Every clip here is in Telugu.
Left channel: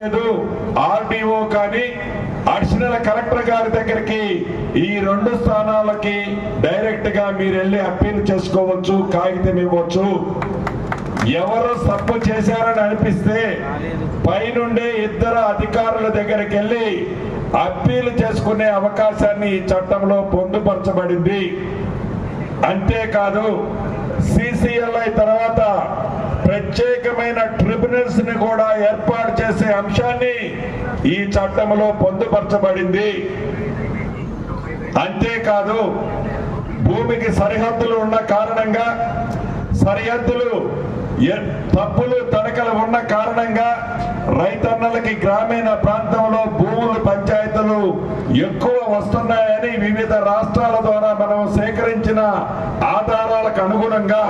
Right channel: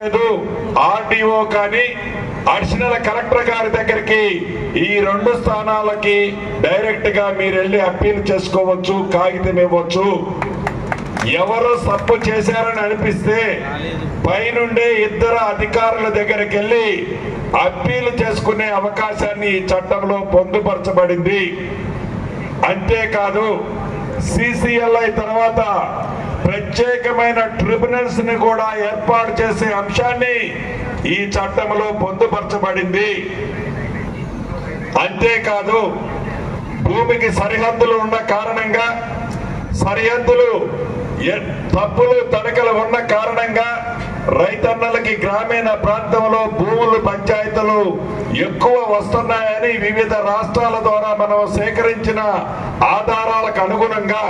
ఆర్డీఓ కానీ అడిషనల్ కలెక్టర్ గారి దగ్గరికి ఈ 2 స్థానాలకి డైరెక్ట్ గా మీరు వెళ్ళి అప్పీల్ చేసుకోవచ్చు, కాగితం ఇవ్వచ్చు. ఎవరు తప్పు చేశారని అనిపిస్తే పైనుండే 2 అధికారుల దగ్గరికి వెళ్ళి అప్పీల్ చేసుకునే అవకాశాన్ని ఈ చట్టంలో పొందుపరచబడింది. అంతేకాదు సిసిఎల్ఐ తర్వాత ప్రత్యేకమైన ట్రిబ్యునల్స్ ని కూడా ఏర్పాటు చేసే అంశాన్ని ఈ చట్టంలో పొందుపరచబడింది. అంతేకాదు భూమికి సరిహద్దులు ఉన్న కారణంగా, సరిహద్దులు తప్పులు తడకలు ఉన్న కారణంగా రైతన్నలకి గ్రామీణ ప్రాంతంలో భూములు పంచాయతీలు ఎక్కువ వస్తున్నాయని వివిధ రాష్ట్రాల ద్వారా మనం సేకరించిన ఆధారాలకు అనుగుణంగా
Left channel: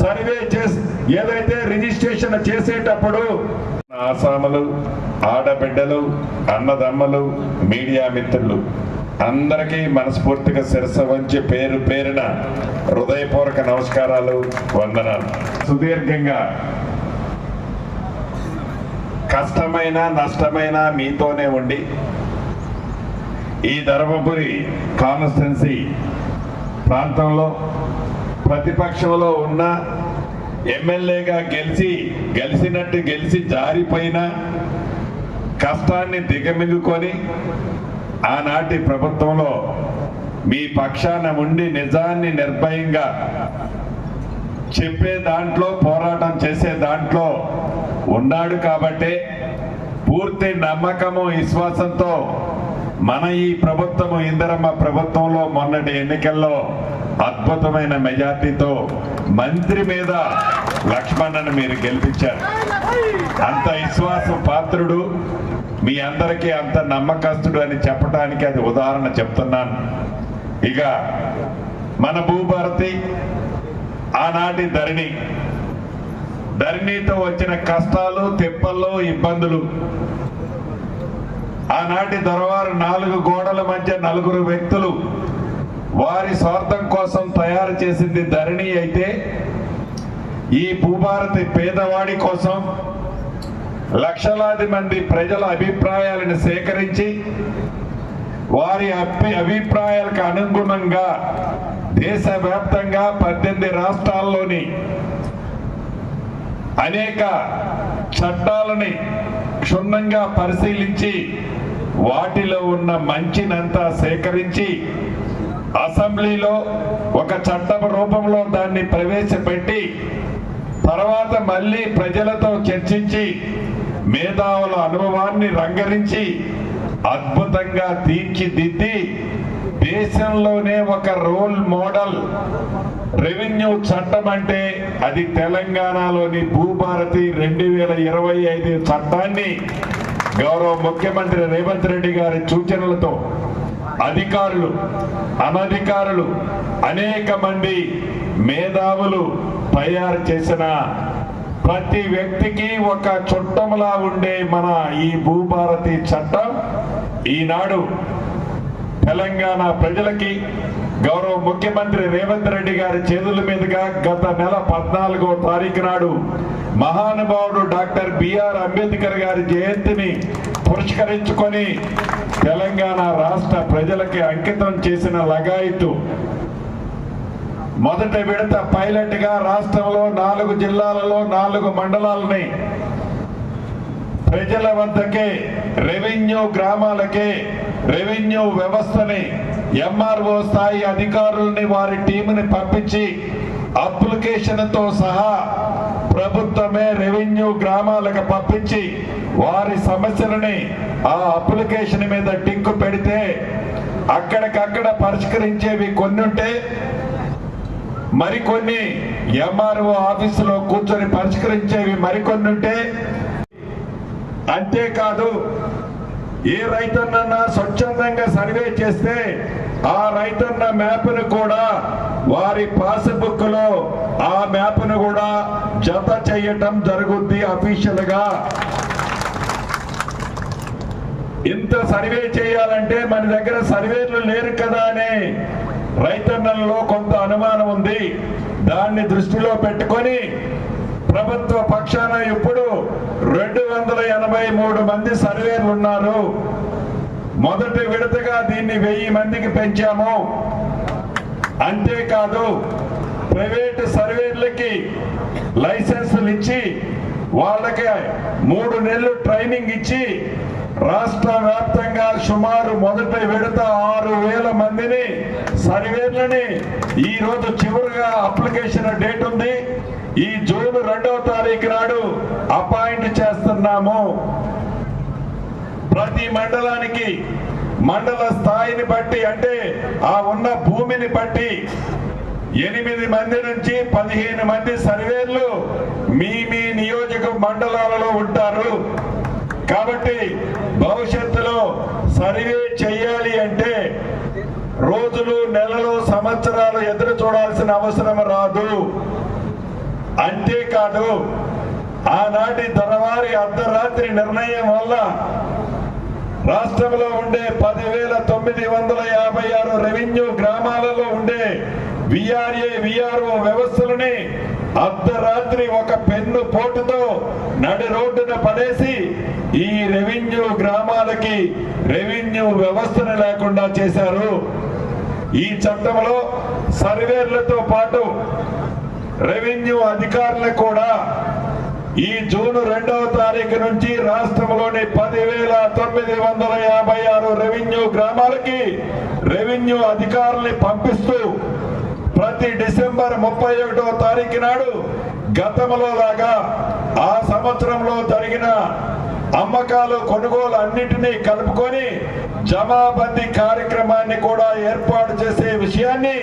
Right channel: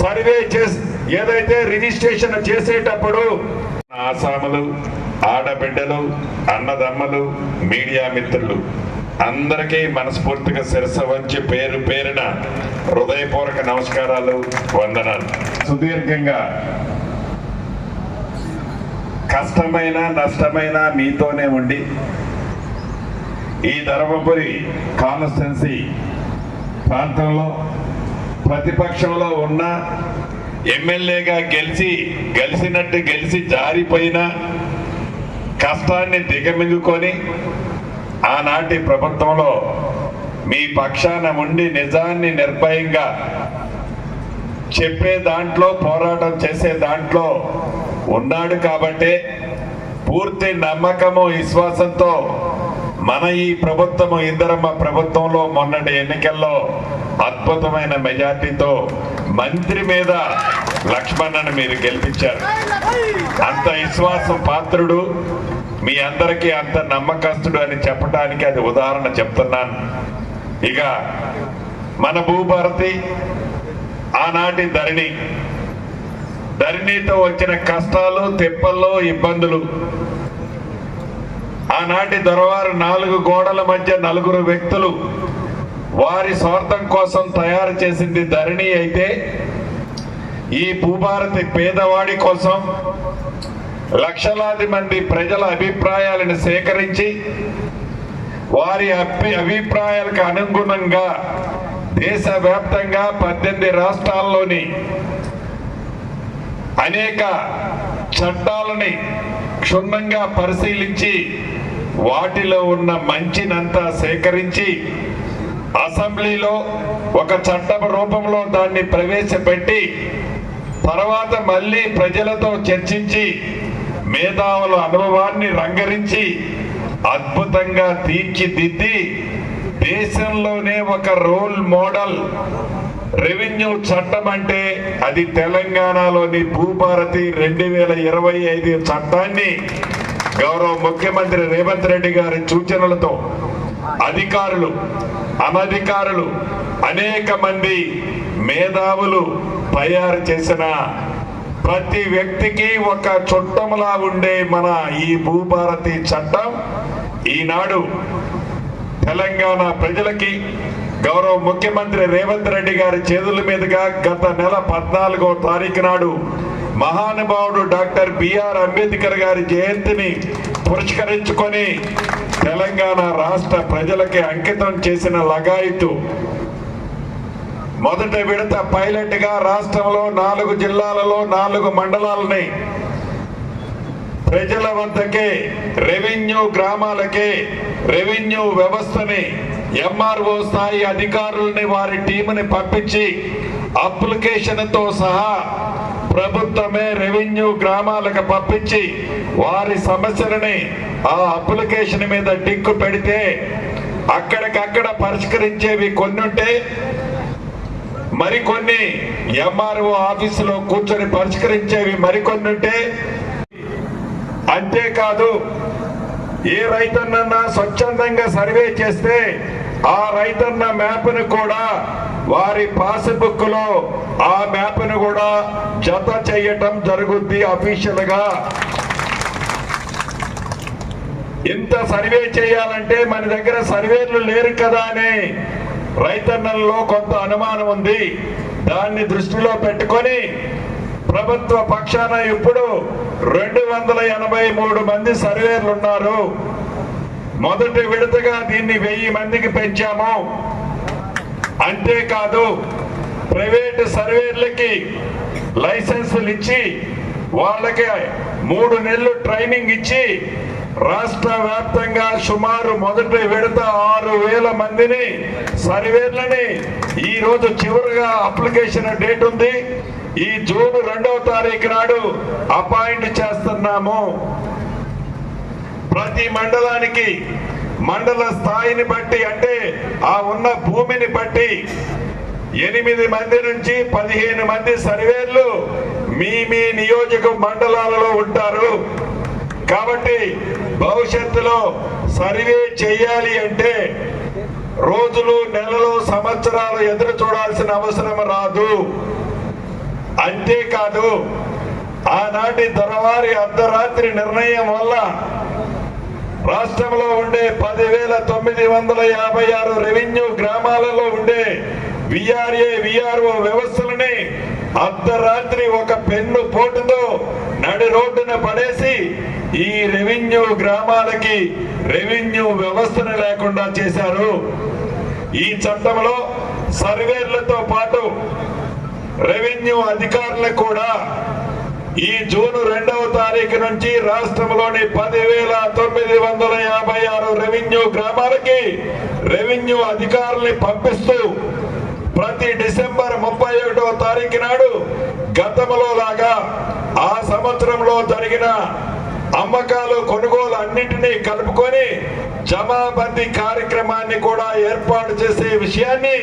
సర్వే చేసి ఏదైతే రిజిస్ట్రేషన్ చేసేటప్పుడు ఆసాములు, ఆడబిడ్డలు, అన్నదమ్మలు, మీడియా మిత్రులు అందరికీ మనస్ఫూర్తిగా శిరస్సు వంచి పేరు పేరున హృదయపూర్వక నమస్కారాలు, వందనాలు. సుదీర్ఘంగా కష్టమైన నష్టమైన మీతోనే ఉండి ఈ ధర్మపురి కాన్స్టిట్యున్సీ ప్రాంతంలో ప్రతిపక్షంలో ఉన్న ఎమ్మెల్యేగా గెలిచి జారిపోయిన కష్టాన్ని దిగమింగుకొని ఆనాటి ప్రభుత్వంలో మీ పక్షాన ఉండి నిజాన్ని నిర్భయంగా చెప్పే దాంట్లో, పోరాటం చేసే దాంట్లో ఉన్నాడు. కాబట్టి పూర్తి నమ్మకము, విశ్వాసంతో మన ఈ ప్రభుత్వము ఇందిరమ్మ ప్రభుత్వంలో మొన్నటి ఎన్నికల్లో అద్భుతమైన మెజార్టీతో మంత్రి మీద లక్ష్మణ్ణను మీరు గెలిపించారు. అంత విశ్వాసం పాత్రుడు, మీ అందరికీ అంత నమ్మకస్తుడు అని చెప్పడానికి అది ఉదాహరణ చెప్తున్నాను. ఇక మన భూభారతి ఆనాటి ధరణితో వచ్చిన కష్టాలు, తిప్పల్లో, ఇబ్బందులు, ఆనాటి దొరవారు 4 గోడల మధ్య 4 వ్యక్తులు వారి స్వార్థం కోసం తయారు చేసింది ధరణి అయితే, ఈ భూభారతి పేదవాడి కోసం లక్షలాది మంది ప్రజల అభిప్రాయాలను సేకరించి వారి అభిప్రాయాలకు అనుగుణంగా దేశవ్యాప్తంగా 18 రాష్ట్రాల్లోని అనేక చట్టాలని క్షుణ్ణంగా పరిశీలించి వాటిలో ఉన్న మంచినంతా సేకరించి అసెంబ్లీలో ఒక చట్టం రూపంలో దాన్ని ప్రవేశపెట్టి తర్వాత మళ్ళీ ప్రజలతో చర్చించి మేధావుల అనుభవాన్ని రంగరించి అద్భుతంగా తీర్చిదిద్ది దేశంలోనే ఒక రోల్ మోడల్ రెవెన్యూ చట్టం అంటే అది తెలంగాణలోని భూభారతి 2025 చట్టాన్ని గౌరవ ముఖ్యమంత్రి రేవంత్ రెడ్డి గారి సూచనలతో అధికారులు, అనధికారులు, అనేక మంది మేధావులు తయారు చేసిన ప్రతి వ్యక్తికి ఒక చుట్టములా ఉండే మన ఈ భూభారతి చట్టం ఈనాడు తెలంగాణ ప్రజలకి గౌరవ ముఖ్యమంత్రి రేవంత్ రెడ్డి గారి చేతుల మీదుగా గత నెల 14వ తారీఖు నాడు మహానుభావుడు డాక్టర్ బిఆర్ అంబేద్కర్ గారి జయంతిని పురస్కరించుకొని తెలంగాణ రాష్ట్ర ప్రజలకి అంకితం చేసిన లగాయతు మొదటి విడత పైలట్ గా రాష్ట్రంలో 4 జిల్లాలలో 4 మండలాలని ప్రజల వద్దకే, రెవెన్యూ గ్రామాలకే, రెవెన్యూ వ్యవస్థని, ఎంఆర్ఓ స్థాయి అధికారులని వారి టీముని పంపించి అప్లికేషన్తో సహా ప్రభుత్వమే రెవెన్యూ గ్రామాలకు పంపించి వారి సమస్యలని ఆ అప్లికేషన్ మీద టిక్కు పెడితే అక్కడికక్కడ పరిష్కరించేవి కొన్ని ఉంటే మరికొన్ని ఎంఆర్ఓ ఆఫీసులో కూర్చొని పరిష్కరించేవి మరికొన్ని ఉంటే, అంతేకాదు ఏ రైతన్న స్వచ్ఛందంగా సర్వే చేస్తే ఆ రైతన్న మ్యాప్ను కూడా వారి పాస్బుక్ లో ఆ మ్యాప్ను కూడా జత చేయటం జరుగుద్ది అఫీషియల్ గా. ఇంత సర్వే చేయాలంటే మన దగ్గర సర్వేలు లేరు కదా అని రైతన్నల్లో కొంత అనుమానం ఉంది. దాన్ని దృష్టిలో పెట్టుకొని ప్రభుత్వ పక్షాన ఇప్పుడు 283 మంది సర్వేర్లు ఉన్నారు. మొదటి విడతగా దీన్ని 1000 మందికి పెంచాము. అంతేకాదు ప్రైవేటు సర్వేర్లకి లైసెన్సులు ఇచ్చి వాళ్ళకి 3 నెలలు ట్రైనింగ్ ఇచ్చి రాష్ట్ర వ్యాప్తంగా సుమారు మొదటి విడత 6000 మందిని సర్వేర్లని ఈ రోజు చివరిగా అప్లికేషన్ డేట్ ఉంది. ఈ జూన్ 2వ తారీఖు నాడు అపాయింట్ చేస్తున్నాము. ప్రతి మండలానికి మండల స్థాయిని బట్టి అంటే ఆ ఉన్న భూమిని బట్టి 8 మంది నుంచి 15 మంది సర్వేర్లు మీ నియోజక మండలాలలో ఉంటారు. కాబట్టి భవిష్యత్తులో సర్వే చేయాలి అంటే రోజులు, నెలలు, సంవత్సరాలు ఎదురు చూడాల్సిన అవసరం రాదు. అంతేకాదు ఆనాటి దొరవారి అర్ధరాత్రి నిర్ణయం వల్ల రాష్ట్రంలో ఉండే 10,956 రెవెన్యూ గ్రామాలలో ఉండే విఆర్ఏ, విఆర్ఓ వ్యవస్థలని అర్ధరాత్రి ఒక పెన్ను పోటుతో నడి రోడ్డున పడేసి ఈ రెవెన్యూ గ్రామాలకి రెవెన్యూ వ్యవస్థను లేకుండా చేశారు. ఈ చట్టంలో సర్వేర్లతో పాటు రెవెన్యూ అధికారులకు కూడా ఈ జూన్ 2వ తారీఖు నుంచి రాష్ట్రంలోని 10,956 రెవెన్యూ గ్రామాలకి రెవెన్యూ అధికారుల్ని పంపిస్తూ ప్రతి డిసెంబర్ 31వ తారీఖు నాడు గతంలో లాగా ఆ సంవత్సరంలో జరిగిన అమ్మకాలు, కొనుగోలు అన్నింటినీ కలుపుకొని జమాబందీ కార్యక్రమాన్ని కూడా ఏర్పాటు చేసే విషయాన్ని